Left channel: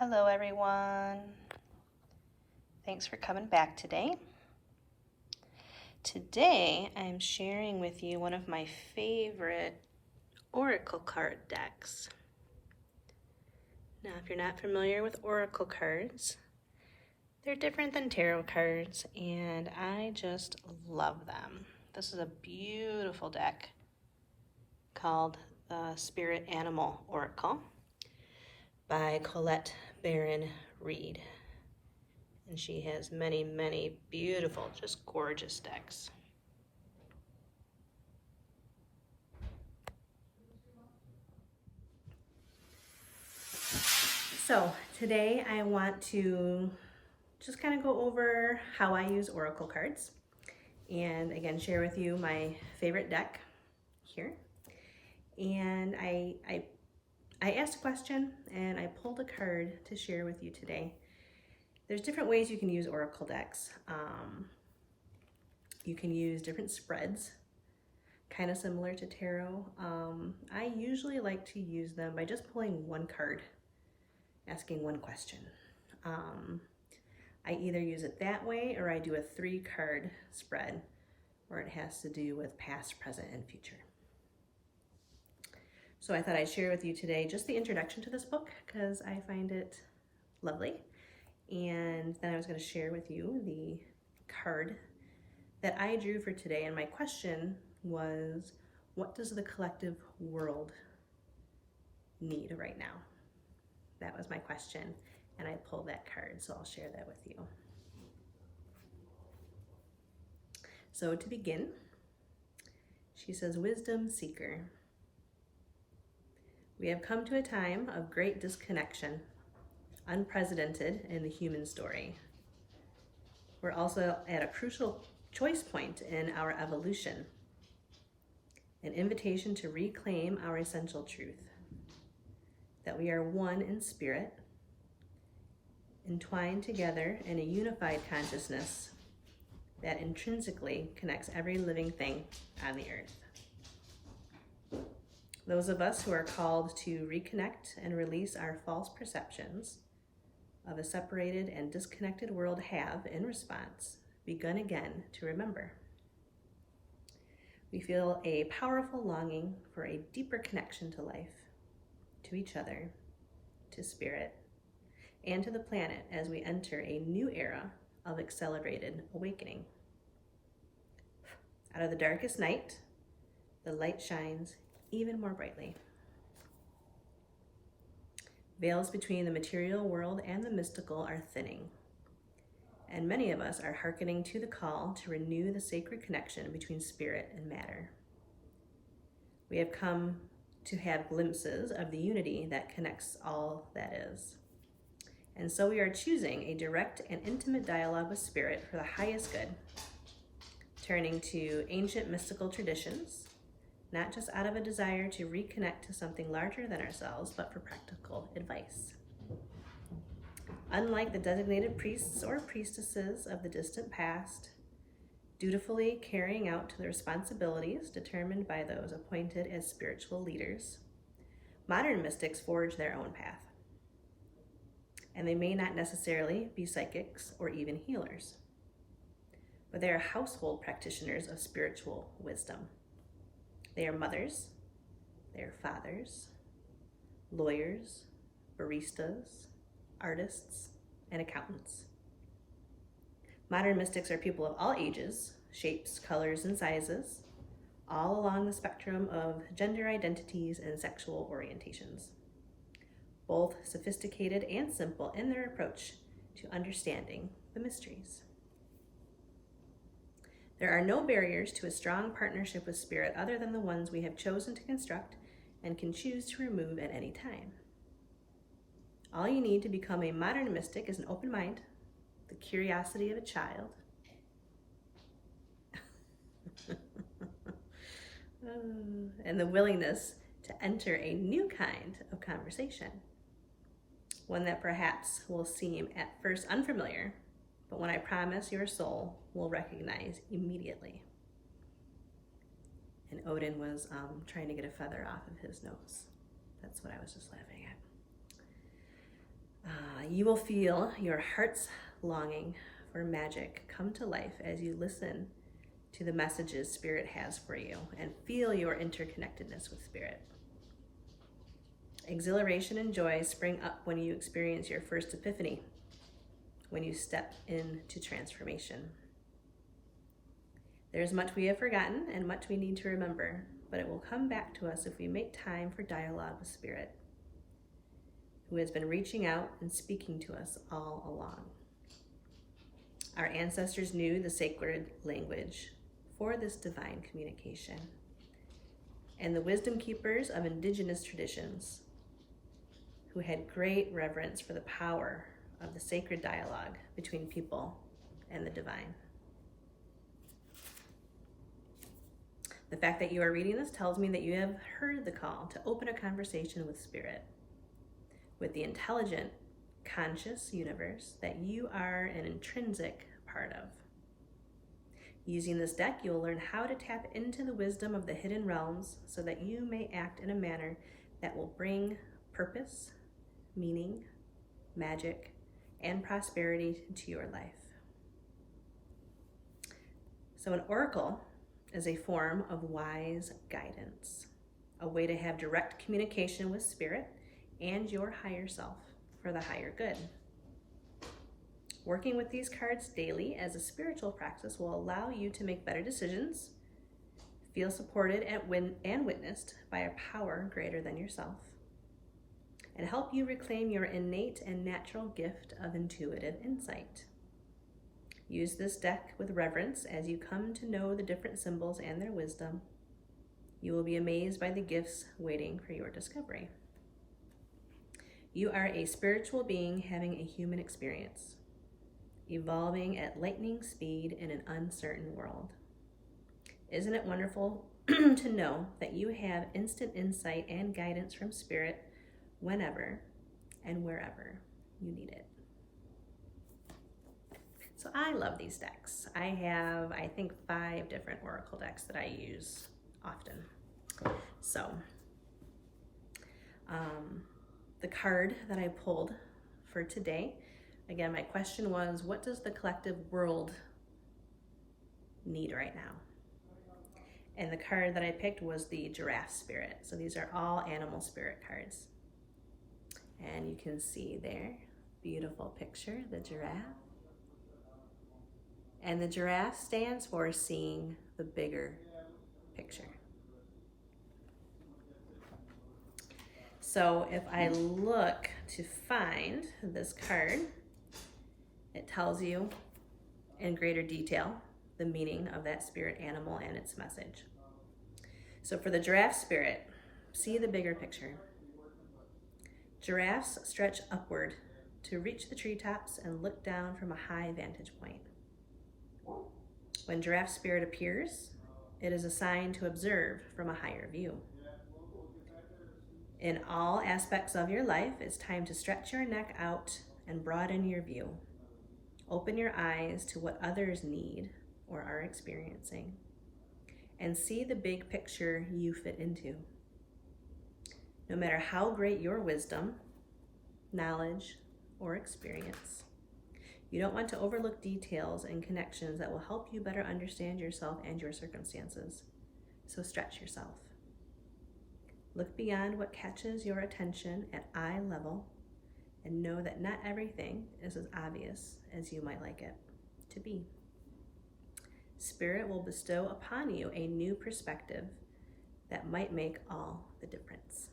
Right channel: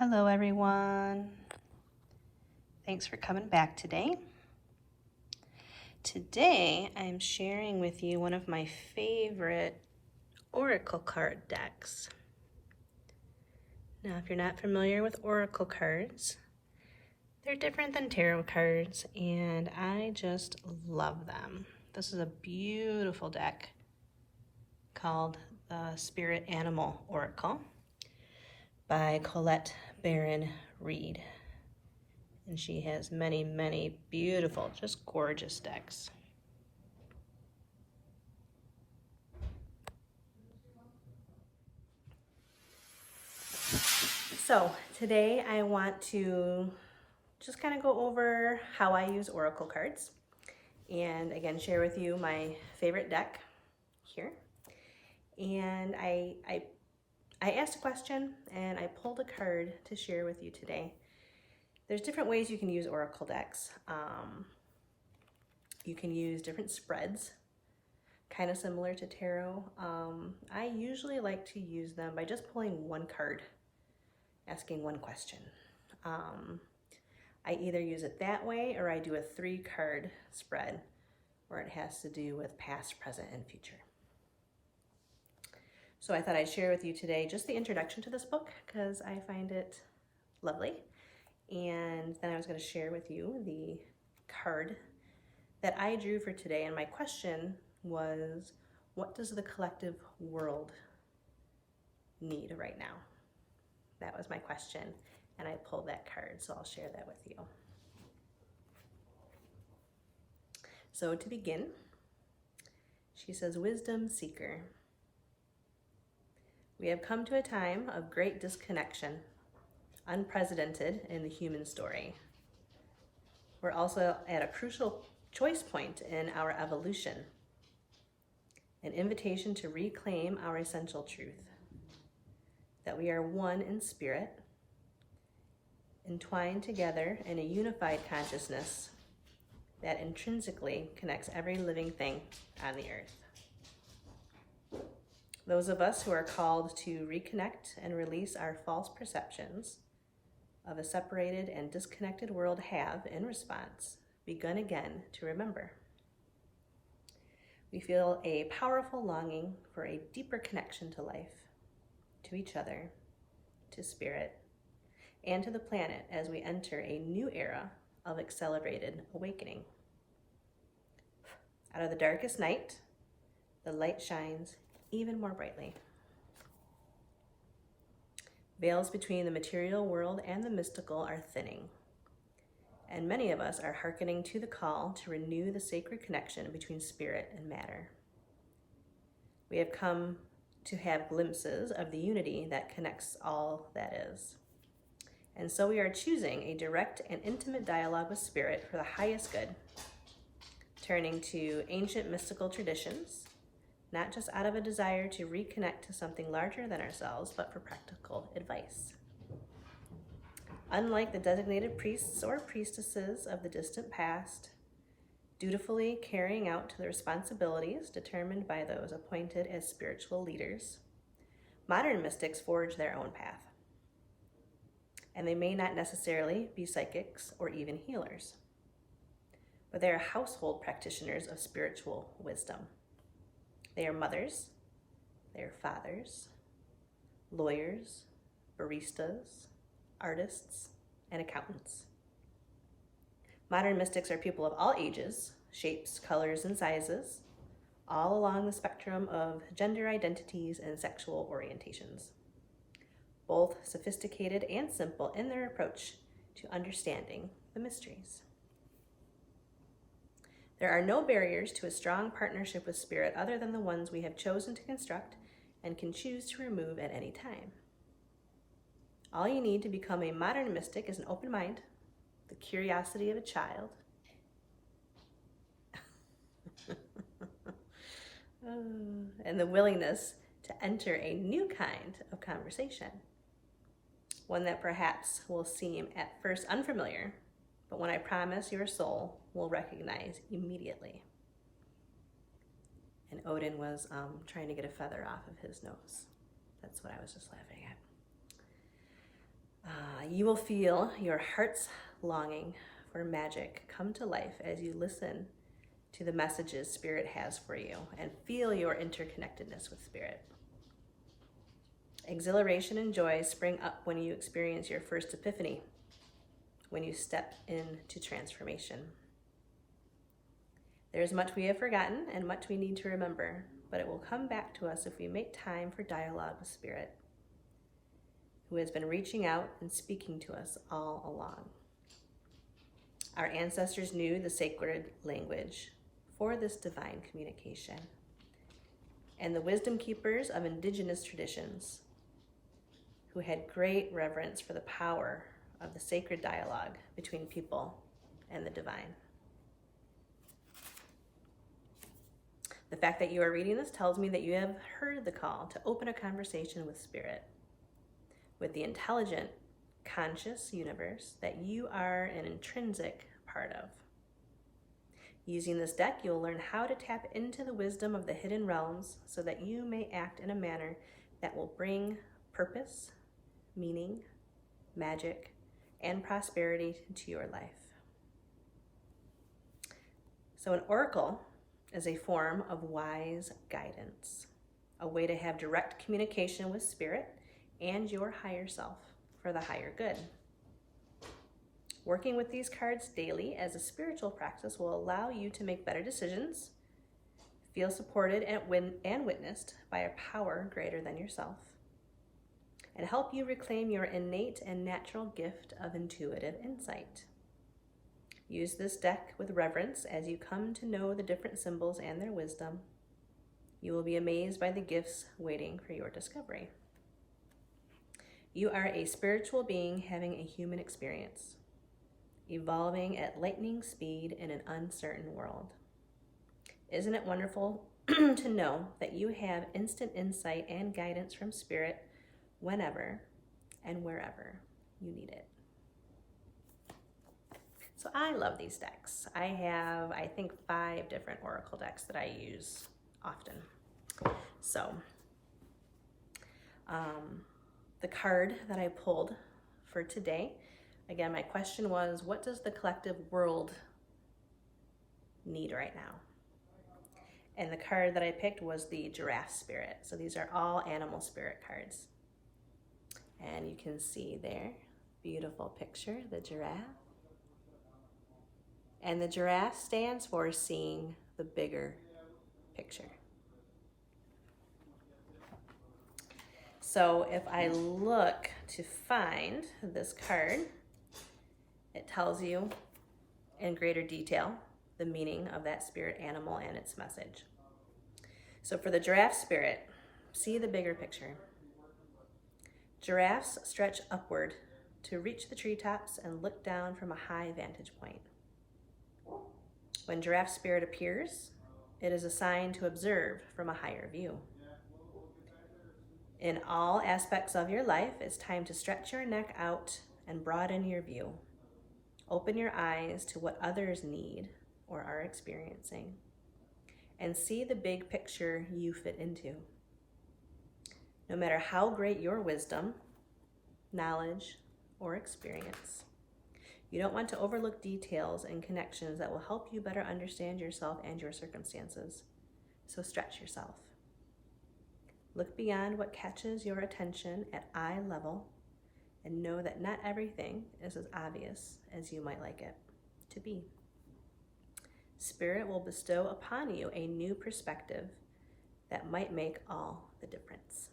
Hello everyone. Thanks for coming back today. Today I'm sharing with you one of my favorite oracle card decks. Now if you're not familiar with oracle cards, they're different than tarot cards and I just love them. This is a beautiful deck called the Spirit Animal Oracle by Colette Baron Reid. And she has many, many beautiful, just gorgeous decks. So today I want to just kind of go over how I use oracle cards and again share with you my favorite deck here. And I asked a question and I pulled a card to share with you today. There's different ways you can use oracle decks. You can use different spreads, kind of similar to tarot. I usually like to use them by just pulling one card, asking one question. I either use it that way or I do a 3-card spread where it has to do with past, present, and future. So I thought I'd share with you today just the introduction to this book because I find it lovely. And then I was going to share with you the card that I drew for today. And my question was, what does the collective world need right now? That was my question. And I pulled that card, so I'll share that with you. So to begin, she says, Wisdom Seeker. We have come to a time of great disconnection, unprecedented in the human story. We're also at a crucial choice point in our evolution, an invitation to reclaim our essential truth, that we are one in spirit, entwined together in a unified consciousness that intrinsically connects every living thing on the earth. Those of us who are called to reconnect and release our false perceptions of a separated and disconnected world have, in response, begun again to remember. We feel a powerful longing for a deeper connection to life, to each other, to spirit, and to the planet as we enter a new era of accelerated awakening. Out of the darkest night, the light shines even more brightly. Veils between the material world and the mystical are thinning, and many of us are hearkening to the call to renew the sacred connection between spirit and matter. We have come to have glimpses of the unity that connects all that is. And so we are choosing a direct and intimate dialogue with spirit for the highest good, turning to ancient mystical traditions, not just out of a desire to reconnect to something larger than ourselves, but for practical advice. Unlike the designated priests or priestesses of the distant past, dutifully carrying out the responsibilities determined by those appointed as spiritual leaders, modern mystics forge their own path. And they may not necessarily be psychics or even healers, but they are household practitioners of spiritual wisdom. They are mothers, they are fathers, lawyers, baristas, artists, and accountants. Modern mystics are people of all ages, shapes, colors, and sizes, all along the spectrum of gender identities and sexual orientations, both sophisticated and simple in their approach to understanding the mysteries. There are no barriers to a strong partnership with spirit other than the ones we have chosen to construct and can choose to remove at any time. All you need to become a modern mystic is an open mind, the curiosity of a child, and the willingness to enter a new kind of conversation, one that perhaps will seem at first unfamiliar, but when I promise your soul will recognize immediately. And Odin was trying to get a feather off of his nose. That's what I was just laughing You will feel your heart's longing for magic come to life as you listen to the messages Spirit has for you and feel your interconnectedness with Spirit. Exhilaration and joy spring up when you experience your first epiphany, when you step into transformation. There is much we have forgotten and much we need to remember, but it will come back to us if we make time for dialogue with Spirit, who has been reaching out and speaking to us all along. Our ancestors knew the sacred language for this divine communication, and the wisdom keepers of indigenous traditions, who had great reverence for the power of the sacred dialogue between people and the divine. The fact that you are reading this tells me that you have heard the call to open a conversation with Spirit, with the intelligent, conscious universe that you are an intrinsic part of. Using this deck, you'll learn how to tap into the wisdom of the hidden realms so that you may act in a manner that will bring purpose, meaning, magic, and prosperity to your life. So an oracle is a form of wise guidance, a way to have direct communication with Spirit and your higher self for the higher good. Working with these cards daily as a spiritual practice will allow you to make better decisions, feel supported and witnessed by a power greater than yourself, and help you reclaim your innate and natural gift of intuitive insight. Use this deck with reverence as you come to know the different symbols and their wisdom. You will be amazed by the gifts waiting for your discovery. You are a spiritual being having a human experience, evolving at lightning speed in an uncertain world. Isn't it wonderful to know that you have instant insight and guidance from Spirit whenever and wherever you need it? So I love these decks. I have, I think, 5 different oracle decks that I use often. So the card that I pulled for today, again, my question was, what does the collective world need right now? And the card that I picked was the Giraffe Spirit. So these are all animal spirit cards. And you can see there, beautiful picture, the giraffe. And the giraffe stands for seeing the bigger picture. So if I look to find this card, it tells you in greater detail the meaning of that spirit animal and its message. So for the Giraffe Spirit, see the bigger picture. Giraffes stretch upward to reach the treetops and look down from a high vantage point. When Giraffe Spirit appears, it is a sign to observe from a higher view. In all aspects of your life, it's time to stretch your neck out and broaden your view. Open your eyes to what others need or are experiencing, and see the big picture you fit into. No matter how great your wisdom, knowledge, or experience, you don't want to overlook details and connections that will help you better understand yourself and your circumstances. So stretch yourself. Look beyond what catches your attention at eye level and know that not everything is as obvious as you might like it to be. Spirit will bestow upon you a new perspective that might make all the difference.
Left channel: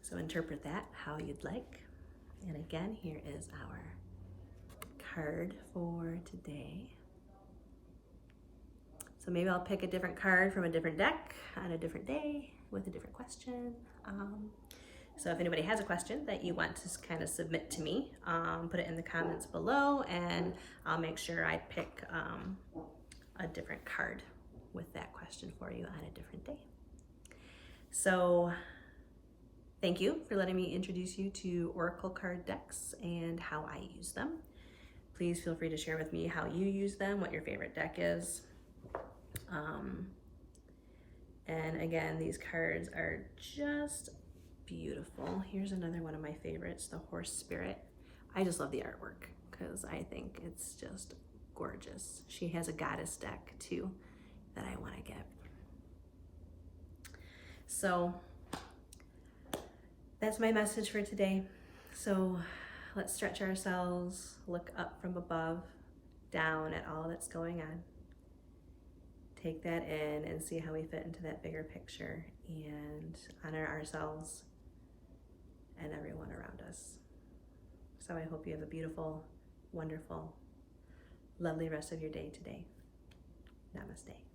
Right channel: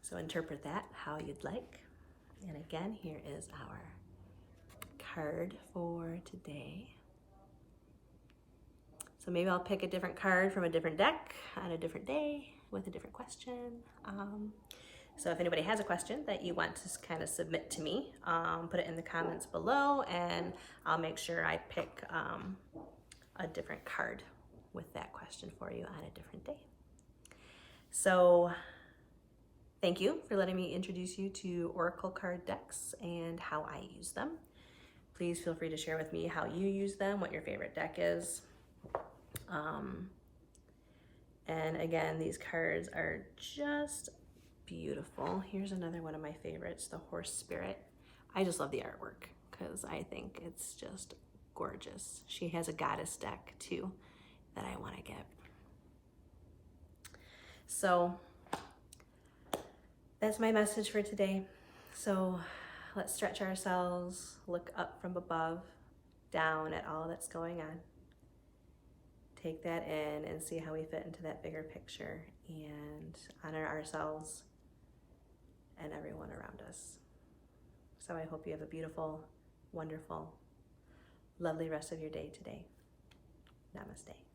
So interpret that how you'd like. And again, here is our card for today. So maybe I'll pick a different card from a different deck on a different day with a different question. So if anybody has a question that you want to kind of submit to me, put it in the comments below, and I'll make sure I pick a different card with that question for you on a different day. So thank you for letting me introduce you to oracle card decks and how I use them. Please feel free to share with me how you use them, what your favorite deck is. And again, these cards are just beautiful. Here's another one of my favorites, the horse spirit. I just love the artwork because I think it's just gorgeous. She has a goddess deck too that I want to get. So that's my message for today. So let's stretch ourselves, look up from above, down at all that's going on. Take that in and see how we fit into that bigger picture and honor ourselves and everyone around us. So I hope you have a beautiful, wonderful, lovely rest of your day today. Namaste.